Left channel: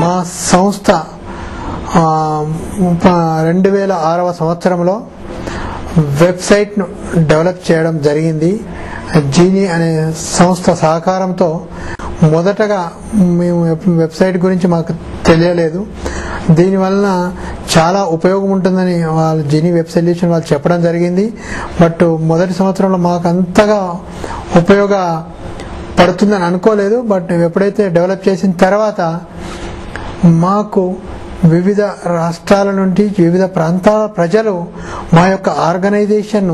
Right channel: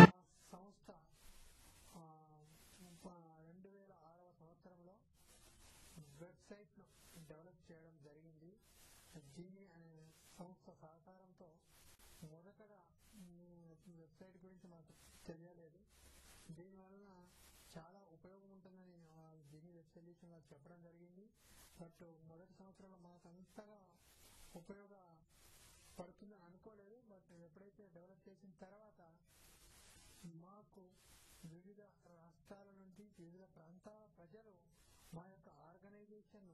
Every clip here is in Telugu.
మా సంస్థ 2006వ సంవత్సరంలో వెబ్సైట్ను డెవలప్ చేయడం జరిగింది. జీనీ అనే సంస్థ సహకారంతో మొదటగా మేము వెబ్సైట్ గురించి మాకు తెలియలేదు. దీనివలన చాలా ఉపయోగం ఉంటుందని వాళ్ళు జీనీ వెబ్ సొల్యూషన్ వాళ్ళు చెప్పడం జరిగింది. బట్ మొదటి సంవత్సరంలో మాకు అంతగా ఉపయోగపడుతుందని అనుకోలేదు. బట్ ఎప్పుడైతే డెవలప్ చేసిన తర్వాత మాకు వివిధ రాష్ట్రాల నుండి వివిధ ప్రాంతాల ప్రజలు మా యొక్క ఆర్గనైజేషన్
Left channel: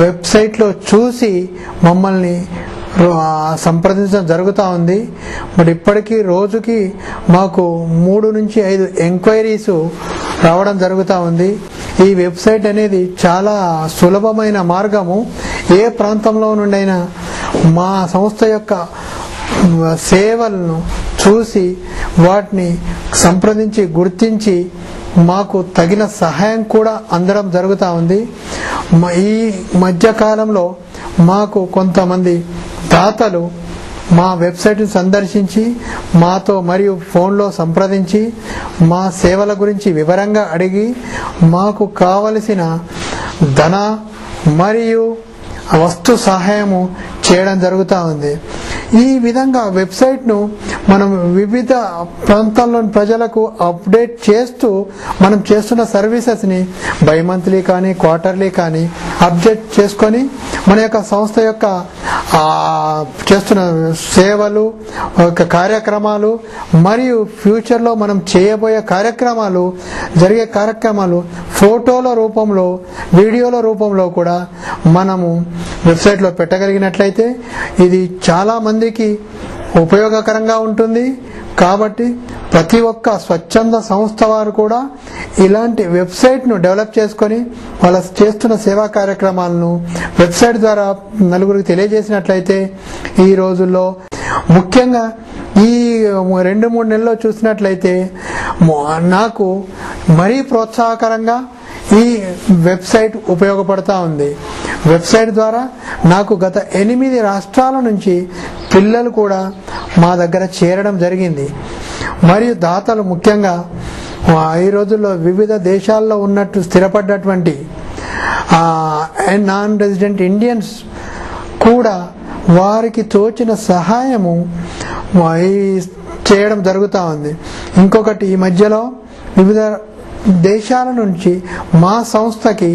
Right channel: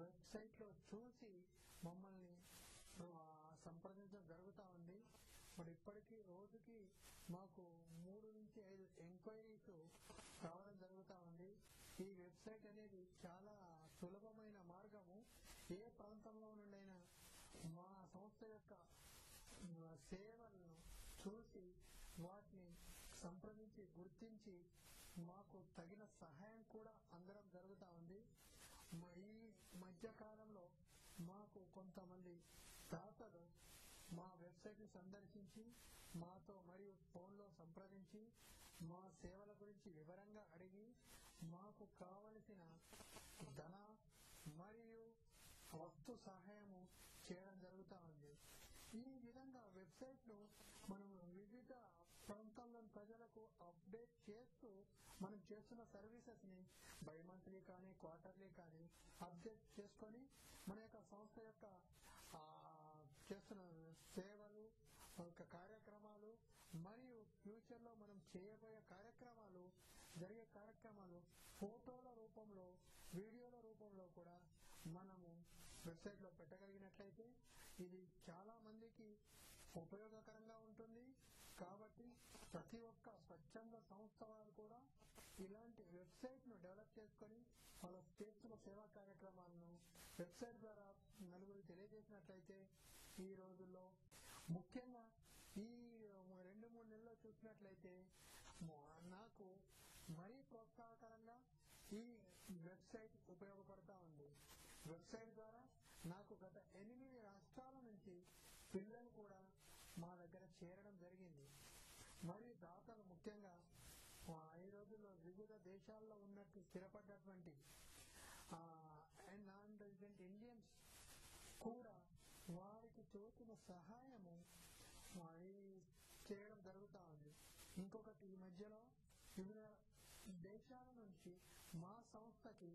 వెబ్సైట్లో చూసి మమ్మల్ని సంప్రదించడం జరుగుతూ ఉంది. బట్ ఇప్పటికీ రోజుకి మాకు 3 నుంచి 5 ఎంక్వైరీస్ రావడం జరుగుతూ ఉంది. ఈ వెబ్సైట్ అనేది చాలా సులభమైన మార్గము. ఏ ప్రాంతంలో నుండైనా మా సంస్థ యొక్క సేవలను చూసి వాటిని సంప్రదించి గుర్తించి మాకు తగిన సహాయం కూడా అందడం జరుగుతూ ఉంది. ఈ మధ్యకాలంలో మాకు కొంతమంది దాతలు మా వెబ్సైట్ను సందర్శించి మాతో మరియు ఫోన్లో సంప్రదించి మా సేవల గురించి వివరంగా అడిగి మాకు కావలసిన ధన మరియు వస్తు సహాయము చేయడం జరుగుతూ ఉంది. ఈ విధంగా వెబ్సైట్ను మనం వివిధ ప్రాంతాల్లోని ప్రజలకు అప్డేట్ చేస్తూ మనం చేస్తున్న సర్వీసెస్ని బై మంత్లీ కానీ క్వార్టర్లీ కానీ అప్డేట్ చేసుకొని మన యొక్క సంస్థ యొక్క చేస్తున్న సేవలు కార్యక్రమాలు మరియు ఫ్యూచర్లో మనం చేయబోయే జరిగే కార్యక్రమాలు ఫోటోల రూపంలో వీడియోల రూపంలో కూడా మనము వెబ్సైట్లో పెట్టగలిగినట్లయితే ఇది చాలా మందికి ఉపయోగకరంగా ఉంటుంది. కాబట్టి ప్రతి ఒక్క స్వచ్ఛంద సంస్థ వారు కూడా ఇలాంటి వెబ్సైట్ను డెవలప్ చేసుకొని వాళ్ళ చేస్తున్న సేవా కార్యక్రమాలను వెబ్సైట్ ద్వారా నలుగురికి తెలియజేసినట్లయితే ఈ రోజుల్లో ముఖ్యంగా ఈ 2-3 నెలల్లో చూసినట్లయితే నాకు మరీ ప్రోత్సాహకరంగా ఈ వెబ్సైట్ ఉపయోగపడుతూ ఉంది. వెబ్సైట్ ద్వారా నాకు గత 8 రాష్ట్రాల నుంచి పిల్లలు కూడా మా దగ్గర చేరడం జరిగింది. మరియు దాతలు ముఖ్యంగా ఈ రోజుల్లో వివిధ దేశాల్లో ఉన్నట్టు స్థిరపడ్డటువంటి నాన్ రెసిడెంట్ ఇండియన్స్ కూడా వారికి తోచిన సహాయము చేయడం జరుగుతూ ఉంది. ఇంకొకటి ఈ మధ్యలో వివిధ దేశాల నుంచి మా సంస్థకి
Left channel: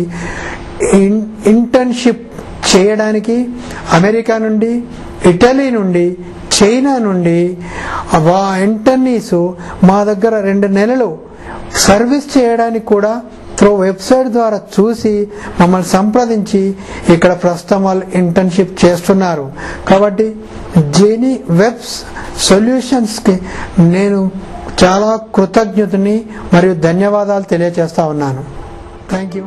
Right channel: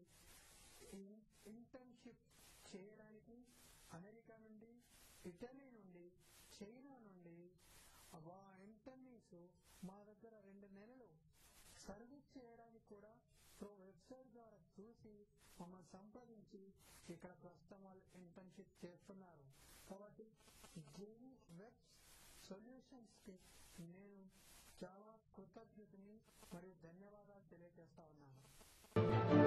ఇంటర్న్షిప్ చేయడానికి అమెరికా నుండి, ఇటలీ నుండి, చైనా నుండి ఇంటర్నీస్ మా దగ్గర 2 నెలలు సర్వీస్ చేయడానికి కూడా వెబ్సైట్ ద్వారా చూసి మమ్మల్ని సంప్రదించి ఇక్కడ ప్రస్తుతం వాళ్ళు ఇంటర్న్షిప్ చేస్తున్నారు. కాబట్టి జీనీ వెబ్ సొల్యూషన్స్కి నేను చాలా కృతజ్ఞతని మరియు ధన్యవాదాలు తెలియజేస్తా ఉన్నాను. Thank you.